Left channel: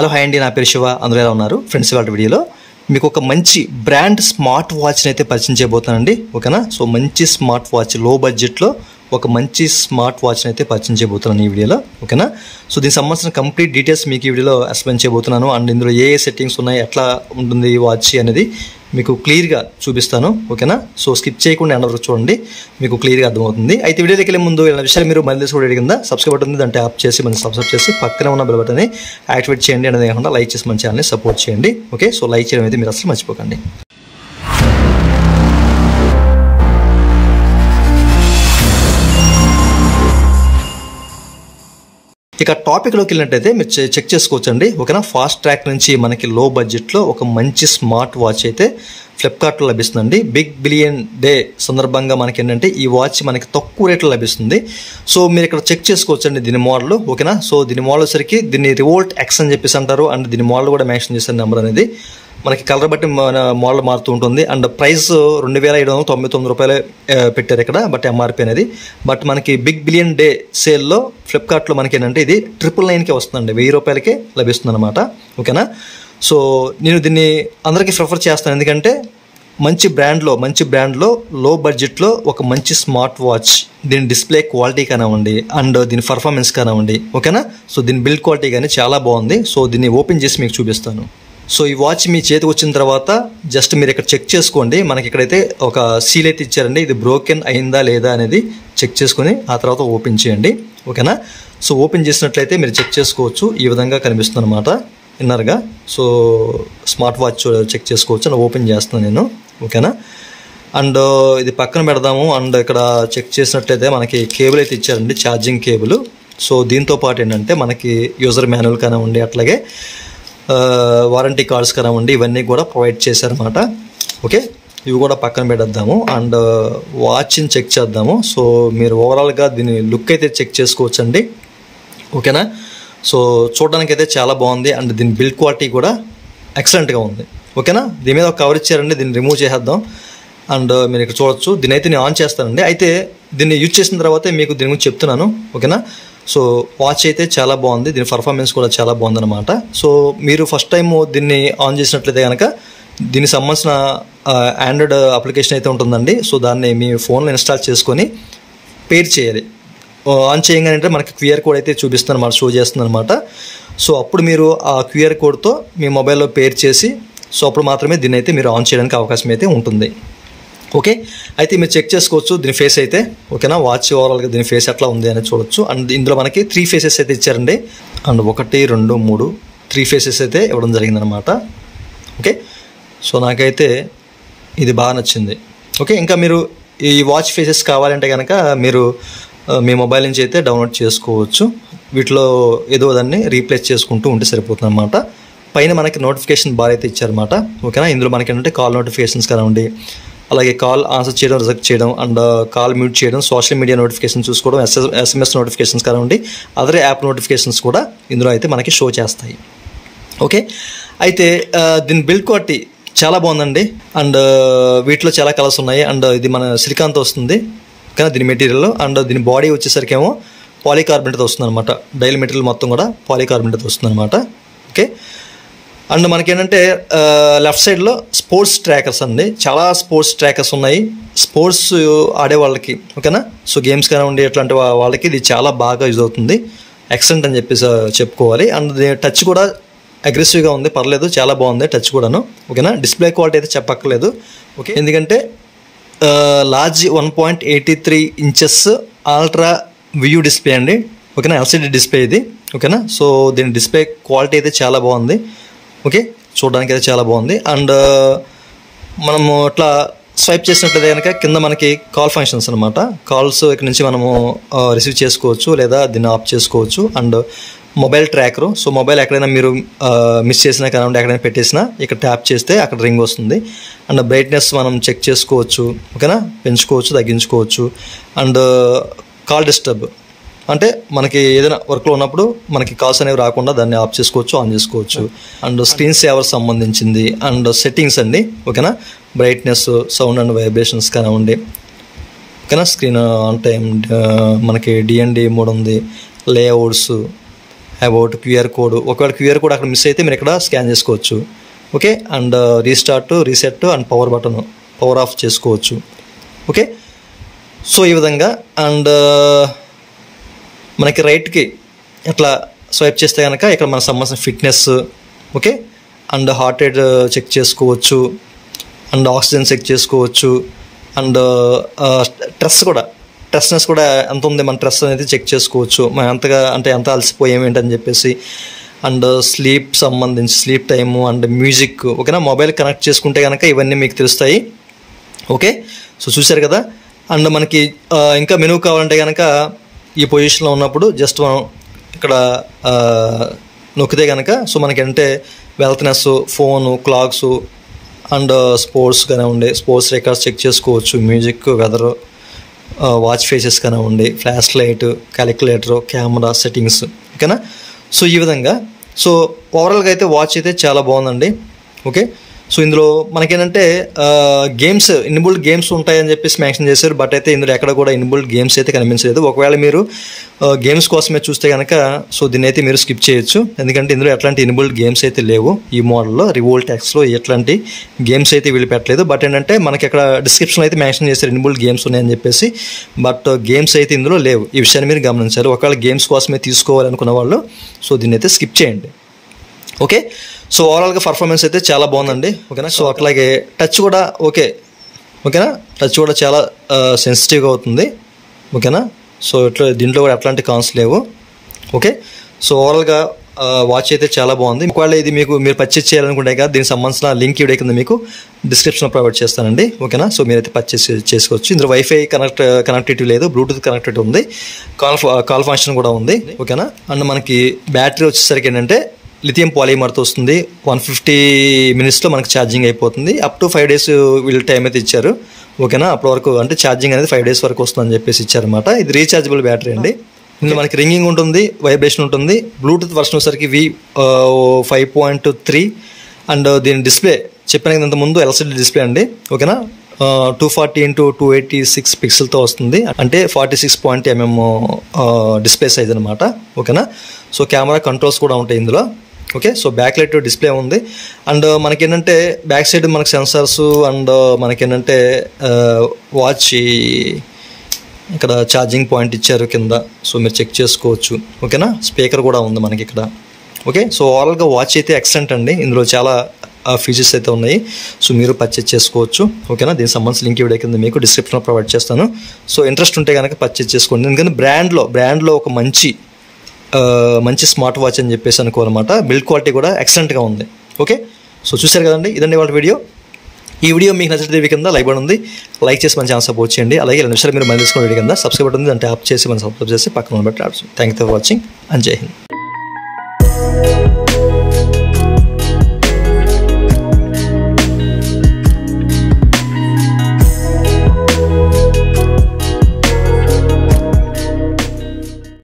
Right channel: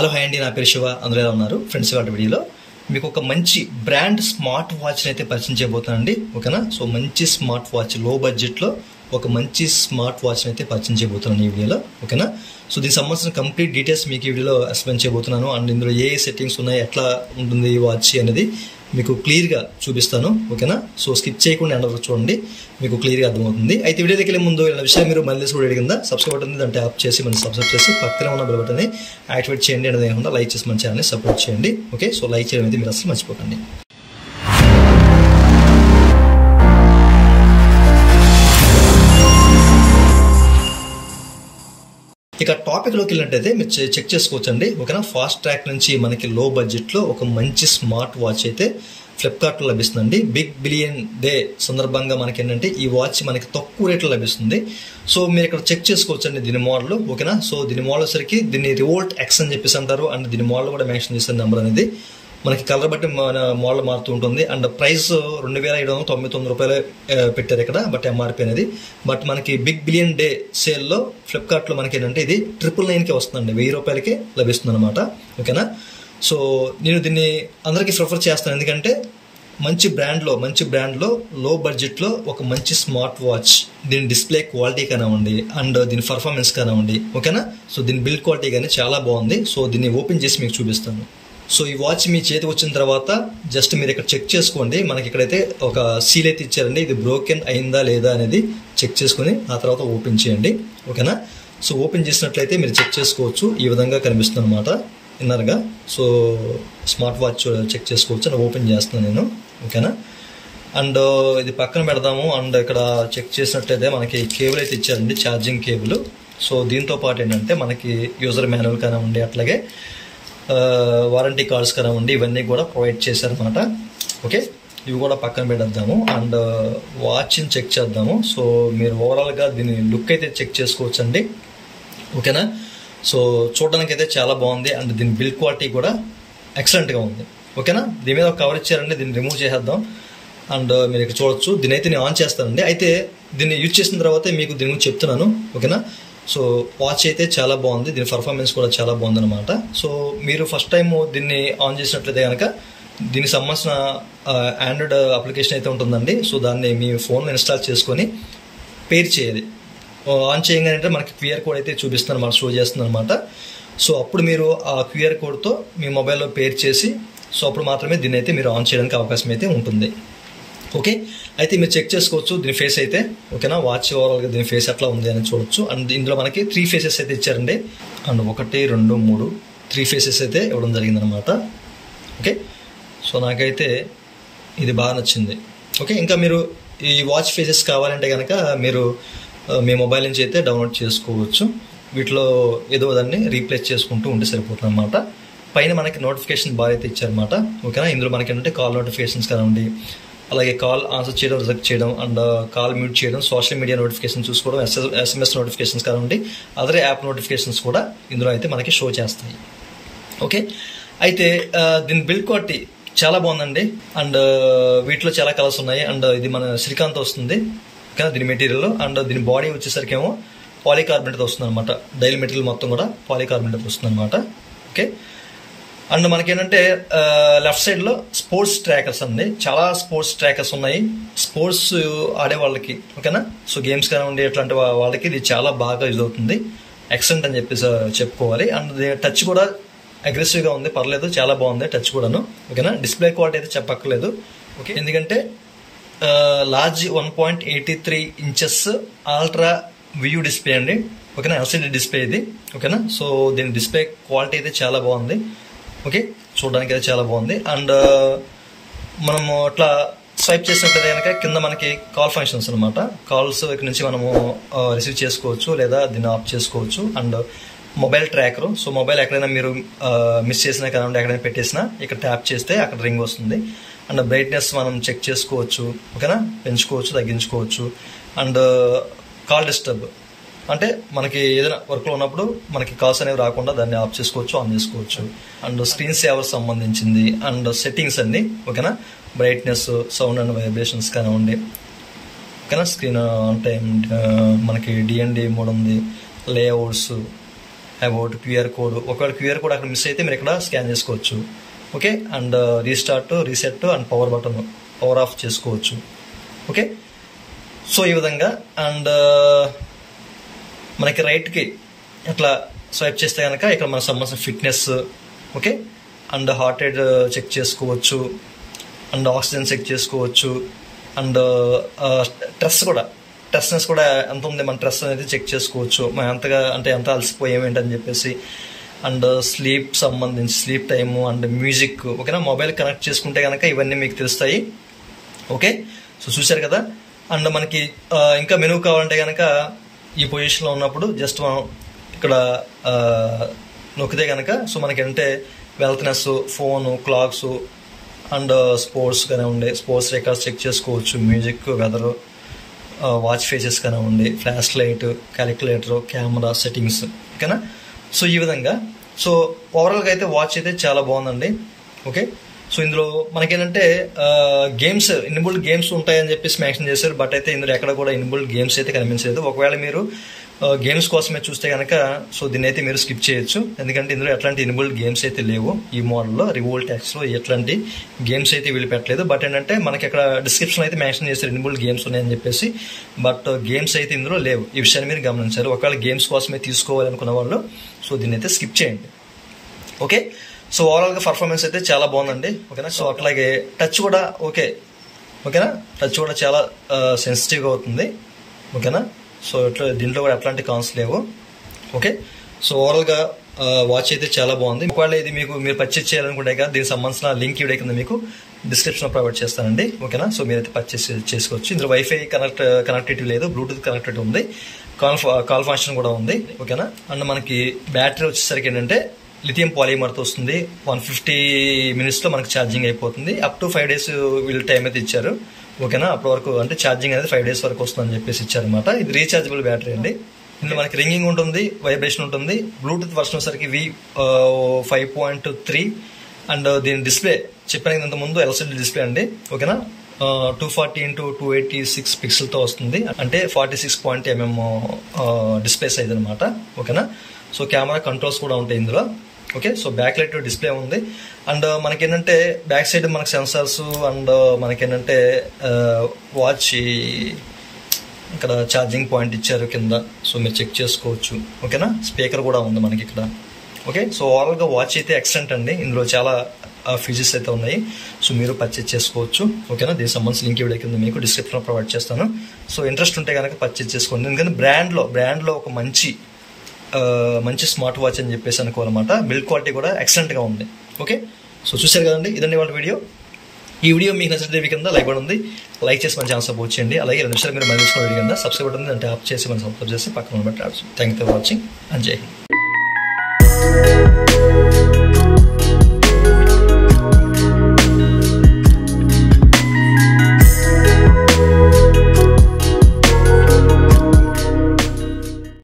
Hello hi అండి, నా పేరు శివ. అందరూ ఎలా ఉన్నారు ఫ్రెండ్స్? ఇవాళ వీడియోలో మీకు ఒక మంచి బ్రాండ్ స్మార్ట్ వాచ్ని అయితే పరిచయం చేయబోతానండి. ఓకేనా? సో మంచి స్మార్ట్ వాచ్, లో బడ్జెట్లో ఒక మంచి స్మార్ట్ వాచ్ని అయితే పరిచయం చేయబోతున్నాను ఈ వీడియోలో. ఓకేనా? సో దీనికి సంబంధించిన కంప్లీట్ డీటెయిల్స్ మీకు ఈ వీడియోలో ఎక్స్ప్లెయిన్ చేయబోతున్నాను. అండ్ ఇందులో ఏ సెట్టింగ్స్ ఉన్నాయి, ఎట్లా ఉంటుంది ఈ వాచ్ అనేది మీకు క్లియర్గా చూపిస్తాను. ఓకేనా? సో స్కిప్ చేయకుండా ఎండ్ వరకు చూడండి, మీకు క్లియర్గా అర్థమవుతుంది. అయితే వీడియోకి వెళ్ళే ముందు ఇలా విషయాలు మీరు మళ్ళీ కూడా కింద సబ్స్క్రైబ్ బటన్ ఉంది, దాన్ని ట్యాప్ చేసి మనం సబ్స్క్రైబ్ చేసి పక్కన ఉన్న బెల్ బటన్ని యాక్టివేట్ చేయండి. అనేది కాకుండా లైక్ చేసి మన ఛానల్ని సపోర్ట్ చేయండి. ఓకే? సో లైక్ చేయడం అయితే మీరు అసలు మర్చిపోకండి. ఇక టాపిక్లోకి వెళ్ళినట్టయితే మీరు చెక్ చేసుకోవచ్చండి. ఓకేనా? ఫాస్ట్ ట్రాక్ నుంచి మనకి లో బడ్జెట్లో ఒక మంచి స్మార్ట్ వాచ్ అయితే ఫ్లిప్కార్ట్లో లభిస్తుందండి. బిగ్ బిలియన్ డే సందర్భంగా మనకి ఏంటంటే ఈ వాచ్ మనకి తక్కువ రేట్లో లభిస్తుంది. సో మీరు ఇక్కడ చెక్ చేసుకోవచ్చండి దీని మోడల్. ఓకేనా? సో దీని మోడల్ వచ్చరికి దీన్ని రివోల్ట్ ఎక్స్ అని చెప్పేసి అంటారు. అండ్ దీని మోడల్ కూడా మెన్షన్ చేసిన నెంబర్ అనేది మనకి కలర్ బట్టి మోడల్ మారుతూ ఉంటుంది. అండ్ ప్రైస్ 2799 రూపాయలే పెట్టారు ఇక్కడ, బట్ ఎంఆర్పీ అనేది. బట్ మనకి బిగ్ బిలియన్ డే సేల్లో ఫ్లిప్కార్ట్లో మనకి ఏంటంటే ఇది 999కే వస్తుందండి, 1000 రూపాయలకే లభిస్తుంది అనమాట. ఓకేనా? సో నేను దీన్ని అందరికీ ప్రిఫర్ చేస్తాను, ఎందుకంటే మంచి బ్రాండ్లో లో బడ్జెట్లో ఒక మంచి స్మార్ట్ వాచ్. దీని డిస్ప్లే క్వాలిటీ కానివ్వండి, అండ్ దీని పర్ఫార్మెన్స్ కానివ్వండి. ఓకేనా? సో దీని బిల్డ్ క్వాలిటీ కానీ చాలా బాగుంది. సో దీన్ని ఓపెన్ చేసి మీకు చూపిస్తాను. సో ఈ వాచ్ మీ చేతికి వచ్చిన తర్వాత జస్ట్ మీరు ఇక్కడ చెక్ చేసుకోండి. మనకి ఇక్కడైతే ఒక సీల్ అయితే ఇచ్చారండి, ఇది బ్రోకెన్ అయిందా లేదా అనేది చెక్ చేసుకుని ఆ తర్వాత ఓపెన్ చేయండి. ఓకేనా? సో ఓపెన్ చేసినట్లయితే మీరు చెక్ చేసుకోవచ్చు, ఈ విధంగా కనిపిస్తుంది అనమాట ఇన్నర్గా. సో స్మార్ట్ వాచ్ చెక్ చేసుకోవచ్చు. నేను ఓపెన్ చేస్తున్నాను నేను. ఓకేనా? అండ్ ఇది పక్కన పెడదాము. అండ్ ఇక్కడ చెక్ చేసినట్లయితే మనకి కేబుల్ అయితే ఇచ్చారండి, ఛార్జింగ్ కేబుల్. సో దీంతో పాటు ఏంటంటే మనకి యూజర్ మాన్యువల్ కానివ్వండి, అట్లాగే వారంటీ కార్డ్స్ కానివ్వండి, ఇవన్నీ కూడా ప్రొవైడ్ చేశారన్నమాట. ఓకే? ఇవి కూడా పక్కన పెట్టేద్దాము. అండ్ వాచ్ని చెక్ చేద్దాము. సో మీరు ఓవరాల్గా దీని లుక్ అయితే చెక్ చేసుకోవచ్చండి. ఓకేనా? సో చూడడానికి అయితే చాలా బాగుంది. అండ్ దీని బిల్డ్ క్వాలిటీ కూడా ఎక్సలెంట్గా ఉంది. ఓకేనా? దీని మీద ఒక కవర్ ఇచ్చారండి, దీన్ని రిమూవ్ చేసేద్దాం. అండ్ మీరు ఇక్కడ చూడొచ్చు. దీని అయితే నేను ఆన్ చేస్తానండి. అయితే దీన్ని యూజ్ చేసిన తర్వాత మీకు దీని గురించి చెప్తున్నాను. ఓకేనా? సో వాచ్ అయితే చాలా బాగుంది, దీని పర్ఫార్మెన్స్ కూడా చాలా బాగుందన్నమాట. సో మీరు ఫస్ట్ టైం దీన్ని ఆన్ చేసినట్లయితే కనుక దీనికి సంబంధించిన ఆండ్రాయిడ్ అప్లికేషన్ అయితే ఉంటుందండి. సో దాన్ని మీ ఫోన్లో ఇన్స్టాల్ చేసుకొని పేర్ చేయాలి. ఆన్ చేయగానే మనకి క్యూఆర్ కోడ్ అయితే చూపిస్తుంది అనమాట, షో చేస్తుంది అనమాట. సో అప్పుడు మీరు ఆ క్యూఆర్ కోడ్తో మీ మొబైల్లో పేర్ చేసి, సో అప్పుడు మాత్రమే దీన్ని అయితే మీరు ఆన్ చేయడానికి అవకాశం అయితే ఉంటుంది. ఓకే? అయితే మీరు చెక్ చేసుకోవచ్చు దీని ఫేస్ అయితే. ఓకేనా? వాచ్ ఓవరాల్గా దీని ఫేస్ ఎట్లా ఉంది అనేది చూడొచ్చు. అండ్ ఇందులో మనకి 3 ఫేసెస్ అయితే ఇచ్చారండి. అండ్ 1, 2, 3 3 ఫేసెస్ అయితే ఇవ్వడం జరిగిందనమాట. ఓకే? సో నాకైతే ఇది బాగా నచ్చింది. ఓకే? ఇంకా మీరు ఈ వాచ్ ఫేసెస్ కావాలంటే కనుక మీరు మీ మొబైల్ నుంచి అయితే డౌన్లోడ్ చేసుకోవచ్చు. వీటిలో ఏదో దాన్ని రీప్లేస్ చేసుకుంటూ ఉంటే సరిపోతుంది అనమాట. పైన మనకి నోటిఫికేషన్ బార్ అయితే ఇచ్చారనమాట. ఓకేనా? ఇందులో మనకి ఏంటంటే కాల్ నోటిఫికేషన్స్ కానివ్వండి, అలాగే కాల్ ఆన్సర్ చేయడం, రిజెక్ట్ చేయడం, అండ్ కాల్ మ్యూట్ చేయడం, సోషల్ మీడియా నోటిఫికేషన్ చూసుకోవడం, SMS నోటిఫికేషన్స్ కానివ్వండి, అదర్ యాప్ నోటిఫికేషన్స్ కూడా ఇందులో అయితే మనకి షో చేస్తాయి. ఓకే? అయితే దీని బిల్డ్ క్వాలిటీ చాలా బాగుందండి. అండ్ వీటిలో చాలా కలర్స్ ఉన్నాయి. అండ్ ఇది మన సిలికాన్తో వస్తుంది కానీ దీని మెటీరియల్. అండ్ దీని బాడీ వచ్చేసరికి ఏమో పాలికార్బనేట్తో వస్తుంది అనమాట. డైల్ మెటీరియల్ మొత్తం కూడా పాలికార్బనేట్తో వస్తుంది అనమాట. ఓకే? అండ్ మనకేంటంటే లెఫ్ట్ సైడ్లో స్పోర్ట్స్ ట్రాకర్స్ అండి, చాలా స్పోర్ట్స్ ట్రాకర్స్ ఉన్నాయి స్పోర్ట్స్ ఆడే వాళ్ళకి. ఓకేనా? సో గేమ్స్ కానివ్వండి అట్లాంటి వాళ్ళకి ఇది చాలా బాగా యూజ్ అవుతుంది. ఎక్సలెంట్ అని చెప్పేసి చెప్పుకోవాలి. అండ్ టచ్ కూడా అగ్రెసివ్గా ఉంది, పర్లేదు, చాలా బాగుంది టచ్ కూడాను. ఓకేనా? డిస్ప్లే క్వాలిటీ అయితే చెప్పక్కర్లేదు. ఓకే? ఎందుకంటే large 1.83 inches ultra view display అండి. ఓకేనా? LCD డిస్ప్లే ఇది. ఓకేనా? సో దీని డిస్ప్లే క్వాలిటీ అయితే చాలా బాగుంది. ఓకే? చూడడానికి అయితే చాలా బాగుంది. అండ్ మనము అట్లా స్వైప్ చేసినట్లయితే కనుక కింద మనకి కాల్ ఫంక్షన్స్ అనమాట. కాల్స్ ఇక్కడ నుంచి మనము రిసీవ్ చేసుకోవచ్చు లేదా దీన్ని ఆఫ్ చేసుకోవచ్చు. And mobile tracker. So mobile ఎక్కడైనా మీరు మిస్ చేసినా కానివ్వండి, ఎక్కడైనా పెట్టేసినా ఇక్కడ ట్యాప్ చేస్తే అక్కడ రింగ్ వస్తుంది. అండ్ బ్రైట్నెస్ మనం చెక్ చేసుకోవచ్చు. ఓకేనా? పెంచుకోవచ్చు, తగ్గించుకోవచ్చు. అండ్ కాల్ డిస్టర్బ్ అంటే మనకి ఏదైనా వర్క్లో ఉన్నప్పుడు మనకి కాల్స్ అనేవి రాకుండా దాన్ని ఆఫ్ చేసుకోవచ్చు, ఆన్ చేసుకోవచ్చు. అండ్ స్క్రీన్ సేవర్ సంబంధించింది. అండ్ సెట్టింగ్స్ అండి. ఓకేనా? బ్రైట్నెస్, సౌండ్ అండ్ వైబ్రేషన్స్ కానివ్వండి. ఓకేనా? స్క్రీన్ ఆన్ టైం మనకి DND మోడ్ ఉంది, లేఅవుట్స్, అబౌట్ క్యూఆర్ కోడ్, ఒకవేళ క్యూఆర్ కోడ్ అక్కడ మిస్ అయితే మీరు ఇక్కడ స్కాన్ చేసుకోవచ్చు. Okay, and restart, reset and power button power of చేసుకోవచ్చు. ఓకే, సో ఈ విధంగా. అండ్ మనకి రైట్కి ఇట్లా స్వైప్ చేస్తే కనుక ఇక్కడ మనకు సంబంధించిన fitness, okay, and heart rate check చేసుకోవచ్చు, అండ్ ఆక్సిజన్ చెక్ చేసుకోవచ్చు, అండ్ స్ట్రెస్నెస్ కూడా ఎంత ఉంది మన స్ట్రెస్ అనేది చెక్ చేసుకోవచ్చు, మనం ఎంత అలసిపోయాం ఏంటని చెప్పేసి. And sleep time and music, ఓకేనా, మొబైల్ కనెక్ట్ చేసుకుంటే కనుక ఇవన్నీ మీకు తెలుస్తాయి. ఓకే, సో చూశారు కదా. అండ్ మనకి ఇంకా మెనూ కావాలంటే కనుక ఈ పొజిషన్లో ఉన్నప్పుడు జస్ట్ మనం ఇక్కడ నొక్కితే కనుక సో మనకంటే వెల్త్నెస్, ఫోను, క్లాక్స్ అండ్ స్పోర్ట్స్ కానివ్వండి, స్పోర్ట్స్ రికార్డ్స్ చెక్ చేసుకోవచ్చు, మ్యూజిక్, వెదర్, వాచ్ ఫేసెస్ కానివ్వండి, flash light, calculator, camera settings, ఓకేనా. సో ఈ విధంగా. సో ఓవరాల్గా అయితే వాచ్ అయితే చాలా బాగుందండి. ఓకే, సో ఇందులో మనకేంటంటే గేమ్స్, ఇన్బుల్డ్ గేమ్స్ ఉంటాయని చెప్పేసి మెన్షన్ చేశారు, బట్ అయితే ఇందులో ఎక్కడ కూడా ఇన్బుల్డ్ గేమ్స్ అయితే కనిపించలేదు. ఒకవేళ మీరు గేమ్స్ కోసమే చూస్తే కనుక సో దీన్ని అయితే మీరు స్కిప్ చేయొచ్చు, ఎందుకంటే ఇందులో ఎట్లాంటి ఇన్బుల్డ్ గేమ్స్ అయితే లేవు. ఈ మోడల్లో రివోల్ట్ ఎక్స్లో ఎట్లాంటి గేమ్స్ అయితే వీళ్ళు పెట్టలేదు. బట్ ఏంటంటే మనకి అక్కడ డిస్క్రిప్షన్లో అయితే మెన్షన్ చేశారు ఇన్బుల్డ్ గేమ్స్ ఉన్నాయని చెప్పేసి, బట్ గేమ్స్ అయితే ఇందులో లేవు. ఈ విషయాన్ని మీరు గమనించారు. ఒకవేళ గేమ్స్ కోసమే తీసుకోవాలనుకున్న వాళ్ళు సో దీన్ని అయితే స్కిప్ చేయండి. ఓకే, సో ఓవరాల్గా పర్ఫార్మెన్స్ అయితే చాలా బాగుందండి. ఓకేనా, సో అట్లాగే టచ్ కూడా ఓకేనా, టచ్ కూడా చాలా సెన్సిటివ్గా అవుతుంది. ఓకేనా, సో దీంట్లో కూడా ఎట్లాంటి కాన్స్ లేవు. ఓకే, సో ఓవరాల్గా వాచ్ అయితే చాలా బాగుంది. ఒకవేళ ఇది మీరు పర్చేస్ చేయాలనుకుంటే కదా దీనికి సంబంధించిన లింక్ వీడియో కింద మీకు డిస్క్రిప్షన్లో ప్రొవైడ్ చేస్తానండి. ఓకేనా, సో మీరైతే పర్చేస్ చేసుకోవచ్చు. ఇందులో వైఫై కనెక్టివిటీ లేదు, బ్లూటూత్ కనెక్టివిటీ ఉంది, కాల్ ఫంక్షన్ కూడా ఉంది. ఓకేనా, అండ్ మనకి బ్యాటరీ వచ్చేసరికి ఏంటంటే లిథియం పాలిమర్తో వస్తుంది. 150 minutesలో మనకి ఛార్జింగ్ అయిపోతుంది. అప్ టు 5 days వీళ్ళు టైం అయితే ఇచ్చారు. ఓకేనా, అప్పటి వరకు అంటే ఛార్జింగ్ అనేది 5 days వరకు వస్తుందని చెప్పేసి ఇచ్చారనమాట. ఇది రీఛార్జబుల్ బ్యాటరీ అండి. ఇందులో మనకి రింగింగ్ ఉంటుంది, వైబ్రేషన్ ఉంటుంది. బ్లూటూత్ వర్షన్ వచ్చేసరికి V5.3 అండ్ దీని డిస్ప్లే చెప్పిన ఇంతకుముందు LCD డిస్ప్లే అండి. ఓకేనా, 240x286 పిక్సెల్తో వస్తుంది, అంటే 46.mm డిస్ప్లే సైజ్ అనమాట. ఓకేనా, సో కెమెరా కంట్రోల్స్ కూడా ఉంటాయి ఇందులో. Okay, so back light display ఉంది. అండ్ మనకేంటంటే బ్యాక్ సైడ్ మనకి సెన్సార్స్ అండ్ మనకేంటంటే వాచ్ ఇక్కడ ఛార్జింగ్ పాయింట్ ఇచ్చారు కింద, సో మీరు చెక్ చేసుకోవచ్చు. ఓకేనా, స్పీకర్ కూడా ఉంది మనకి ఇక్కడ. ఓకే, సో ఓవరాల్గా వాచ్ అయితే ఎక్సలెంట్ అండి. ఇందులో చాలా ఫీచర్స్ అయితే ఉన్నాయి, సో మీరు పర్చేస్ చేసుకోవచ్చు. ఓకేనా, దీనికి సంబంధించి లింక్ వీడియో కింద మీకు డిస్క్రిప్షన్లో ప్రొవైడ్ చేస్తాను. సో ఇంట్రెస్ట్ ఉంటే కనుక పర్చేస్ చేసుకోండి, ఎందుకంటే బ్రాండ్లో ఒక మంచి స్మార్ట్ వాచ్ అని చెప్పేసి అనుకోవాలన్నమాట. బిల్డ్ క్వాలిటీ కూడా ఎక్సలెంట్గా ఉంది. ఓకే, సో చూశారు కదండి, ఇదండి వాళ్ళ వీడియో. ఈ వీడియో మీకు నచ్చితే కింద లైక్ బటన్ ఉంది, లైక్ చేసి మన ఛానల్ సపోర్ట్ చేయండి. అలాగే 2 నిమిషాలు మీరు మళ్ళీ తీసుకున్న వీడియో కింద సబ్స్క్రైబ్ బటన్ ఉంది, అంటే ఆప్ చేసి మనం సబ్స్క్రైబ్ చేసి పక్కన పెట్టి thank you for watching and జై హింద్.